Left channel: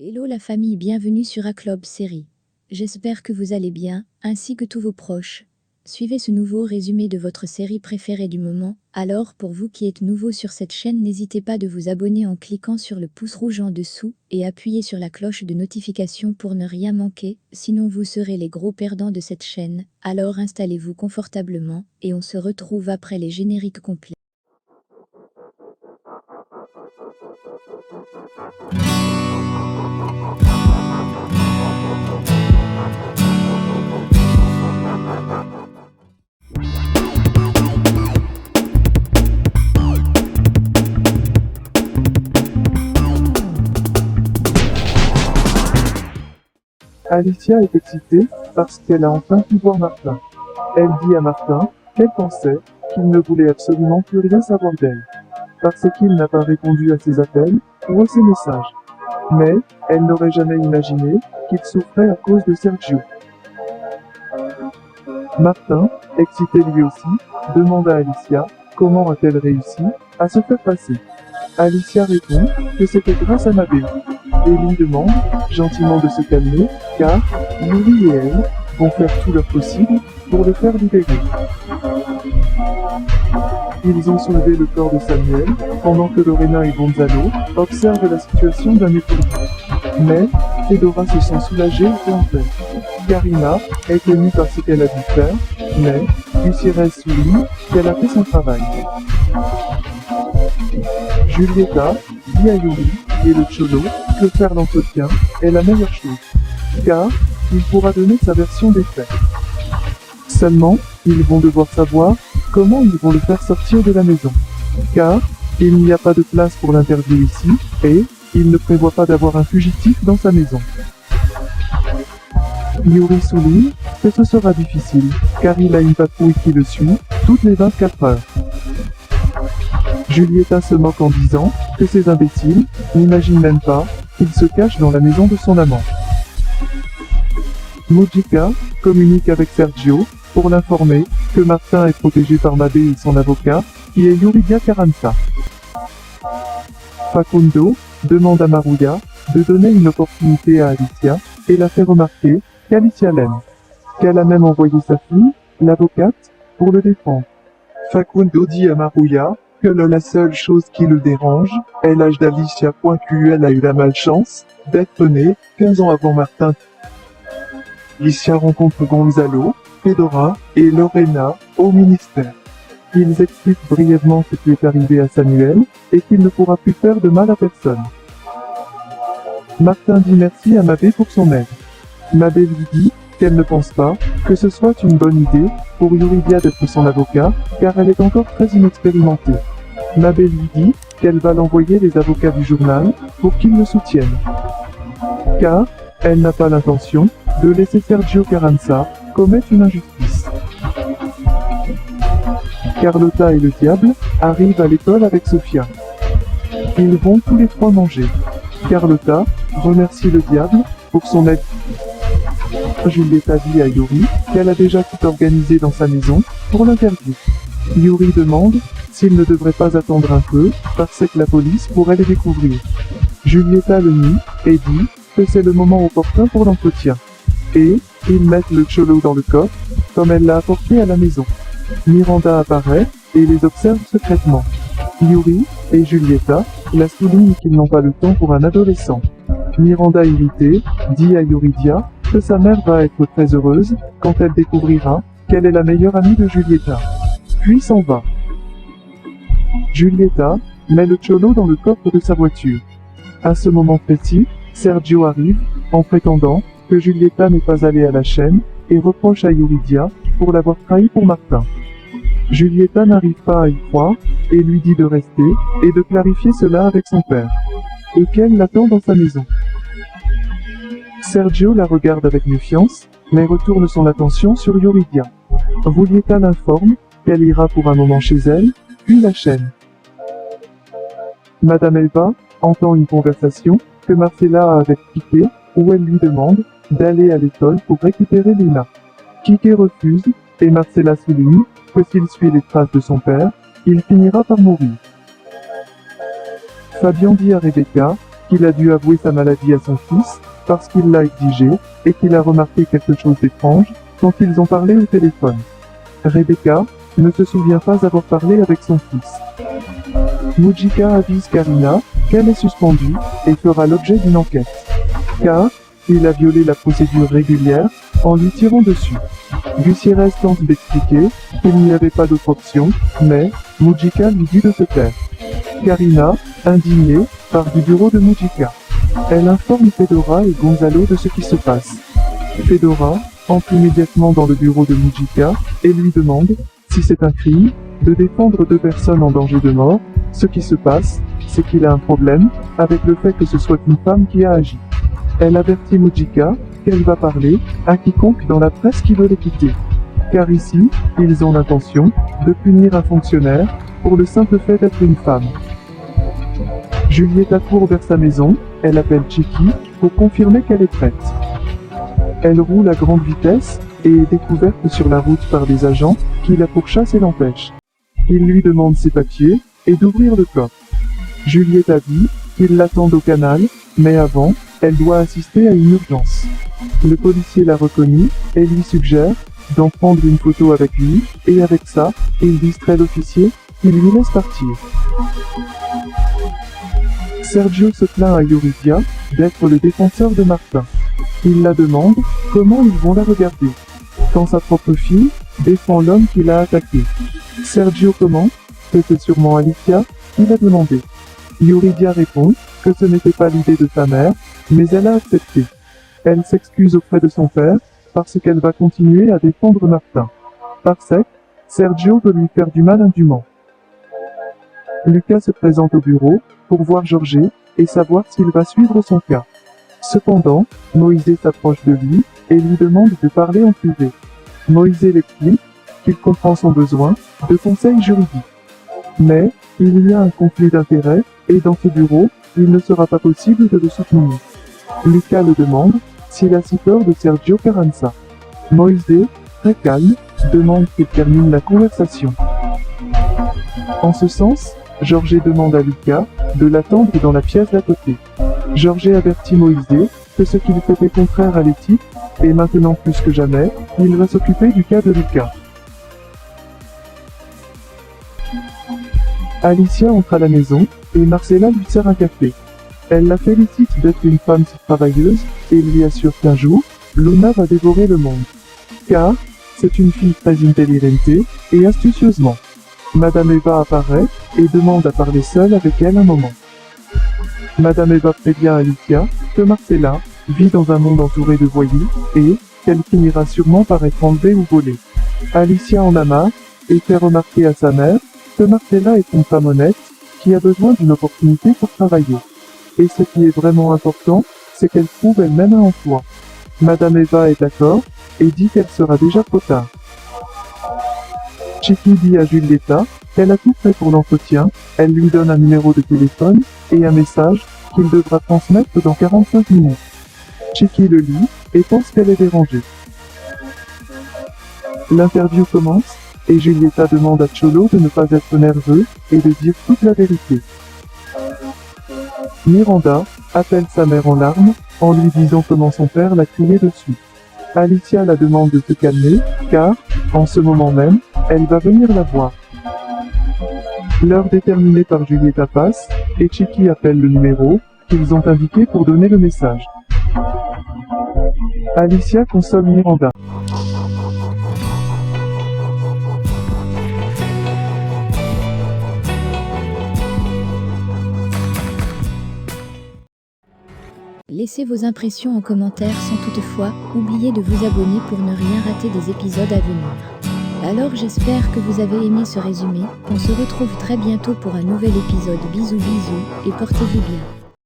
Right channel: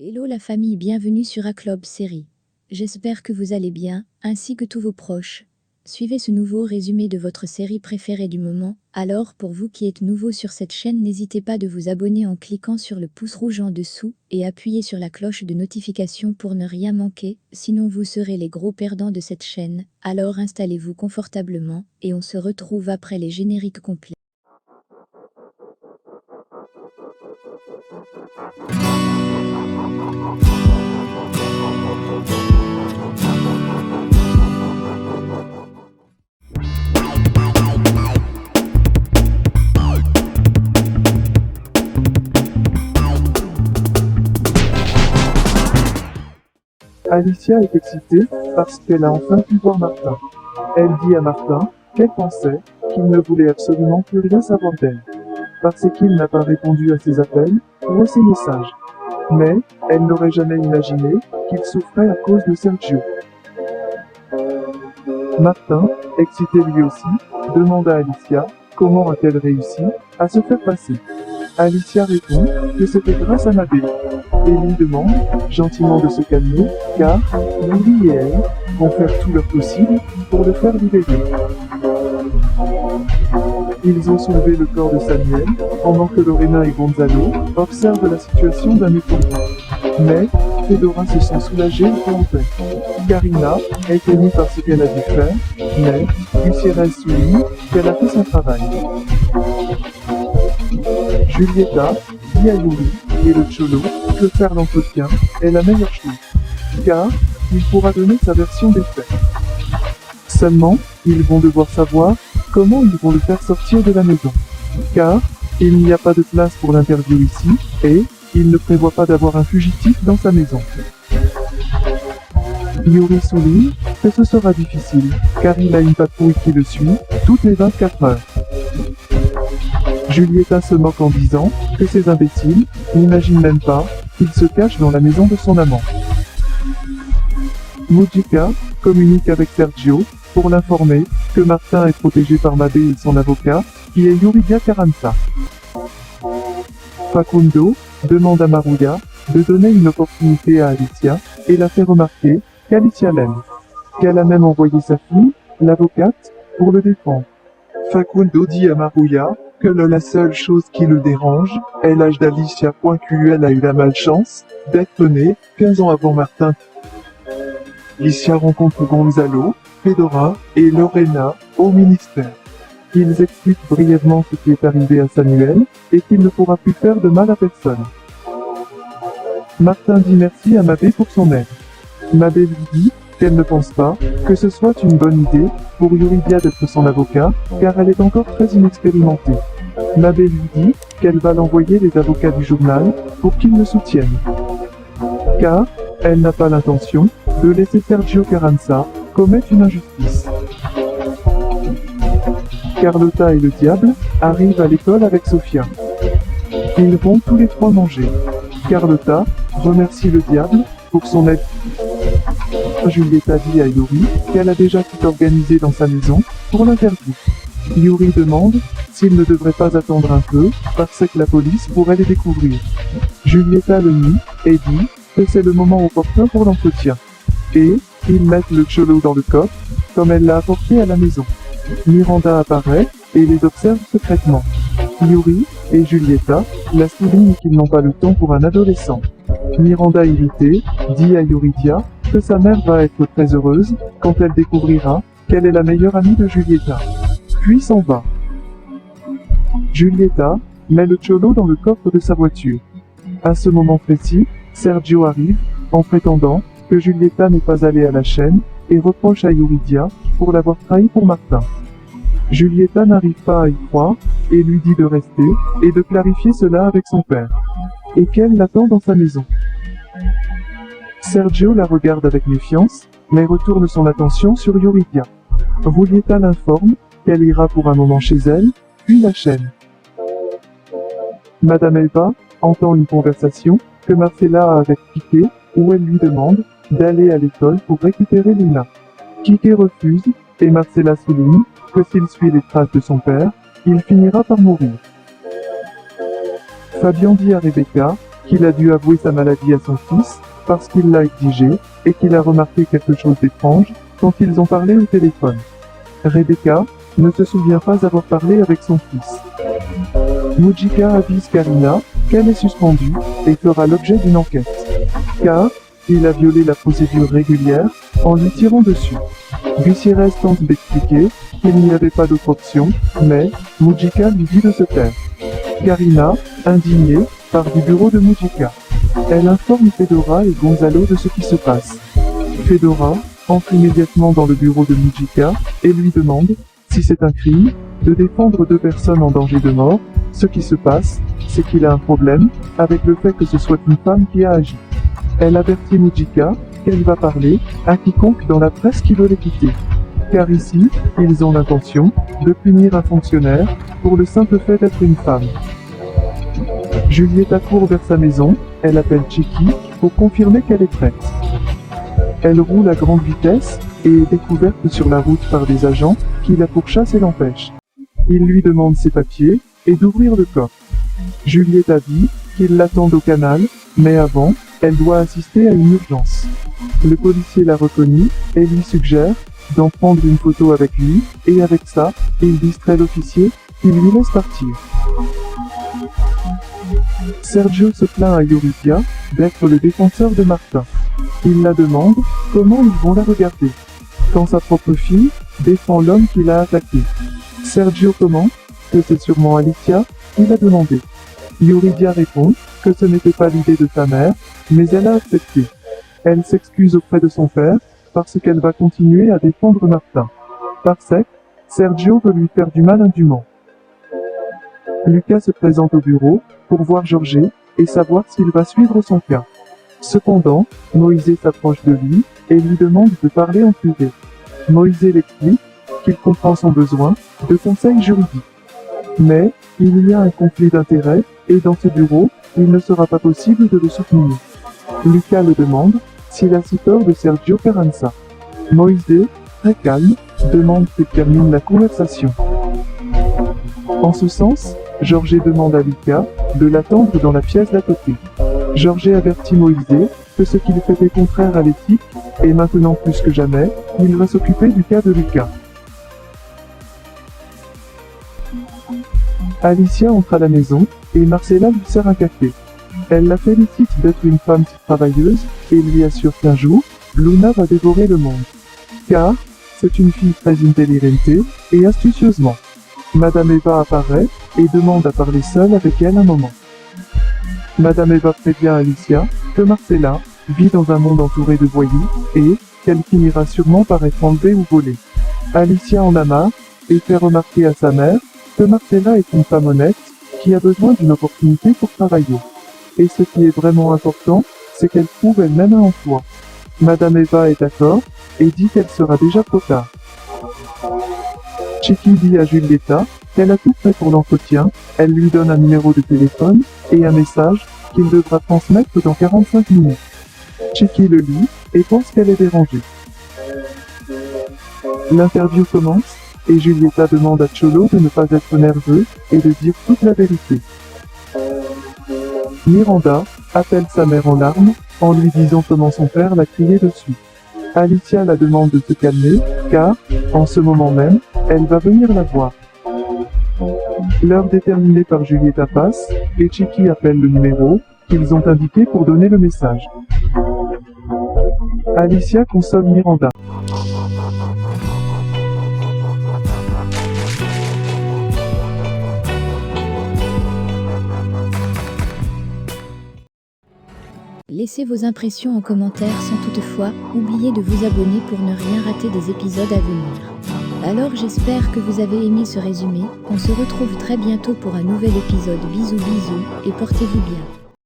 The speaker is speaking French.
Hello la famille, bienvenue sur A-Club Série. J'espère que vous allez bien, ainsi que tous vos proches. Suivez ce nouveau résumé de votre série préférée du moment. Alors, pour vous qui êtes nouveau sur cette chaîne, n'hésitez pas de vous abonner en cliquant sur le pouce rouge en dessous et appuyez sur la cloche de notification pour ne rien manquer, sinon vous serez les gros perdants de cette chaîne. Alors installez-vous confortablement et on se retrouve après les génériques complets. Alicia est excitée parce qu'elle a enfin pu voir Martin. Elle dit à Martin qu'elle pensait qu'il ne voulait absolument plus rien savoir d'elle, parce qu'il n'a pas répondu à ses appels ou à ses messages. Mais elle n'aurait jamais imaginé qu'il souffrait à cause de Sergio. Martin, excité lui aussi, demande à Alicia comment a-t-elle réussi à se faire passer. Alicia répond que c'était grâce à Mabé, et lui demande gentiment de se calmer, car Yuri et elle vont faire tout leur possible pour le faire libérer. Ils ont soulevé le corps de Samuel, pendant que Lorena et Gonzalo observent la situation d'un étonné. Mais Fedora se sent soulagée et en tête. Karina est émue par ce qu'elle a dû faire, mais Gutiérrez souligne qu'elle a fait son travail. Julieta dit à Yuri et le Cholo que faire l'entretien est la meilleure chose, car il pourra donner sa version des faits. Seulement, ils vont devoir savoir comment ils vont le faire sortir de la maison, car il n'y a pas de place pour l'interview ici, et il ne prévoit pas d'avoir un fugitif dans sa maison. Yuri souligne que ce sera difficile, car il a une patrouille qui le suit toutes les 24 heures. Julieta se moque en disant que ces imbéciles n'imaginent même pas qu'il se cache dans la maison de son amant. Mojica communique avec Sergio pour l'informer que Martin est protégé par Mabé et son avocat, qui est Yuridia Carranza. Facundo demande à Maruya de donner une opportunité à Alicia et la fait remarquer qu'Alicia l'aime, qu'elle a même envoyé sa fille, l'avocate, pour le défendre. Facundo dit à Maruya que la seule chose qui le dérange est l'âge d'Alicia. Elle a eu la malchance d'être née 15 ans avant Martin. Alicia rencontre Gonzalo, Fedora et Lorena au ministère. Ils expliquent brièvement ce qui est arrivé à Samuel et qu'il ne pourra plus faire de mal à personne. Martin dit merci à Mabé pour son aide. Mabé lui dit qu'elle ne pense pas que ce soit une bonne idée pour Yuridia d'être son avocat, car elle est encore très inexpérimentée. Mabé lui dit qu'elle va l'envoyer les avocats du journal pour qu'ils le soutiennent. Car elle n'a pas l'intention de laisser Sergio Carranza commettre une injustice. Carlotta et le diable arrivent à l'école avec Sofia. Ils vont tous les trois manger. Carlotta remercie le diable pour son aide. Julieta dit à Yuri qu'elle a déjà tout organisé dans sa maison pour l'interview. Yuri demande s'il ne devrait pas attendre un peu, parce que la police pourrait les découvrir. Julieta le nie et dit que c'est le moment opportun pour l'entretien. Et ils mettent le Cholo dans le coffre, comme elle l'a apporté à la maison. Miranda apparaît et les observe secrètement. Yuri et Julieta la soulignent qu'ils n'ont pas le temps pour un adolescent. Miranda irritée dit à Yuridia que sa mère va être très heureuse quand elle découvrira qu'elle est la meilleure amie de Julieta. Puis s'en va. Julieta met le Cholo dans le coffre de sa voiture. À ce moment précis, Sergio arrive en prétendant que Julieta n'est pas allée à la chaîne et reproche à Yuridia pour l'avoir trahi pour Martin. Julieta n'arrive pas à y croire et lui dit de rester et de clarifier cela avec son père, et qu'elle l'attend dans sa maison. Sergio la regarde avec méfiance, mais retourne son attention sur Yuridia. Julieta l'informe qu'elle ira pour un moment chez elle, puis la chaîne. Madame Elba entend une conversation que Marcella a avec Kike, où elle lui demande d'aller à l'école pour récupérer Lina. Kike refuse, et Marcella souligne que s'il suit les traces de son père, il finira par mourir. Fabien dit à Rebecca qu'il a dû avouer sa maladie à son fils parce qu'il l'a exigé et qu'il a remarqué quelque chose d'étrange quand ils ont parlé au téléphone. Rebecca ne se souvient pas avoir parlé avec son fils. Mujika avise Karina qu'elle est suspendue et fera l'objet d'une enquête, car il a violé la procédure régulière en lui tirant dessus. Gusira tente d'expliquer qu'il n'y avait pas d'autre option, mais Mujika lui dit de se taire. Karina, indignée, part du bureau de Mujika. Elle informe Fedora et Gonzalo de ce qui se passe. Fedora entre immédiatement dans le bureau de Mujika et lui demande, si c'est un crime, de défendre deux personnes en danger de mort. Ce qui se passe, c'est qu'il a un problème avec le fait que ce soit une femme qui a agi. Elle avertit Mujika qu'elle va parler à quiconque dans la presse qui veut les quitter. Car ici, ils ont l'intention de punir un fonctionnaire pour le simple fait d'être une femme. Julieta court vers sa maison, elle appelle Chiki pour confirmer qu'elle est prête. Elle roule à grande vitesse et est découverte sur la route par des agents qui la pourchassent et l'empêchent. Ils lui demandent ses papiers et d'ouvrir le coffre. Julieta dit qu'ils l'attendent au canal, mais avant, elle doit assister à une urgence. Le policier l'a reconnue et lui suggère d'en prendre une photo avec lui, et avec ça, il distrait l'officier qui lui laisse partir. Sergio se plaint à Eureka d'être le défenseur de Martin. Il la demande comment ils vont la regarder, quand sa propre fille défend l'homme qui l'a attaqué. Sergio commente que c'est sûrement Alicia qui l'a demandé. Yuridia répond que ce n'était pas l'idée de sa mère, mais elle a accepté. Elle s'excuse auprès de son père parce qu'elle va continuer à défendre Martin. Par sec, Sergio veut lui faire du mal indûment. Lucas se présente au bureau pour voir Jorge et savoir s'il va suivre son cas. Cependant, Moïse s'approche de lui et lui demande de parler en privé. Moïse l'explique qu'il comprend son besoin de conseils juridiques. Mais, il y a un conflit d'intérêts et dans ce bureau, il ne sera pas possible de le soutenir. Lucas le demande s'il a si peur de Sergio Carranza. Moïse, très calme, demande qu'il termine la conversation. En ce sens, Jorge demande à Lucas de l'attendre dans la pièce d'à côté. Jorge avertit Moïse que ce qu'il fait est contraire à l'éthique, et maintenant plus que jamais, il va s'occuper du cas de Lucas. Alicia entre à la maison, et Marcella lui sert un café. Elle la félicite d'être une femme si travailleuse, et lui assure qu'un jour, Luna va dévorer le monde. Car, c'est une fille très intelligente, et astucieusement. Madame Eva apparaît, et demande à parler seule avec elle un moment. Madame Eva prévient Alicia que Marcella vit dans un monde entouré de voyous, et qu'elle finira sûrement par être enlevée ou volée. Alicia en a marre, et fait remarquer à sa mère que Marcella est une femme honnête, qui a besoin d'une opportunité pour travailler. Et ce qui est vraiment important, c'est qu'elle trouve elle-même un emploi. Madame Eva est d'accord, et dit qu'elle sera déjà trop tard. Chiki dit à Julieta qu'elle a tout fait pour l'entretien, elle lui donne un numéro de téléphone et un message qu'il devra transmettre dans 45 minutes. Chiki le lit et pense qu'elle est dérangée. L'interview commence et Julieta demande à Cholo de ne pas être nerveux et de dire toute la vérité. Miranda appelle sa mère en larmes en lui disant comment son père l'a crié dessus. Alicia la demande de se calmer, car, en ce moment même, elle va venir la voir. L'heure déterminée par Julieta passe, et Chiki appelle le numéro qu'ils ont indiqué pour donner le message. Alicia consomme Miranda. Laissez vos impressions en commentaire sans toutefois oublier de vous abonner pour ne rien rater des épisodes à venir. Alors j'espère que vous avez aimé ce résumé, on se retrouve très bientôt pour un nouvel épisode. Bisous bisous et portez-vous bien.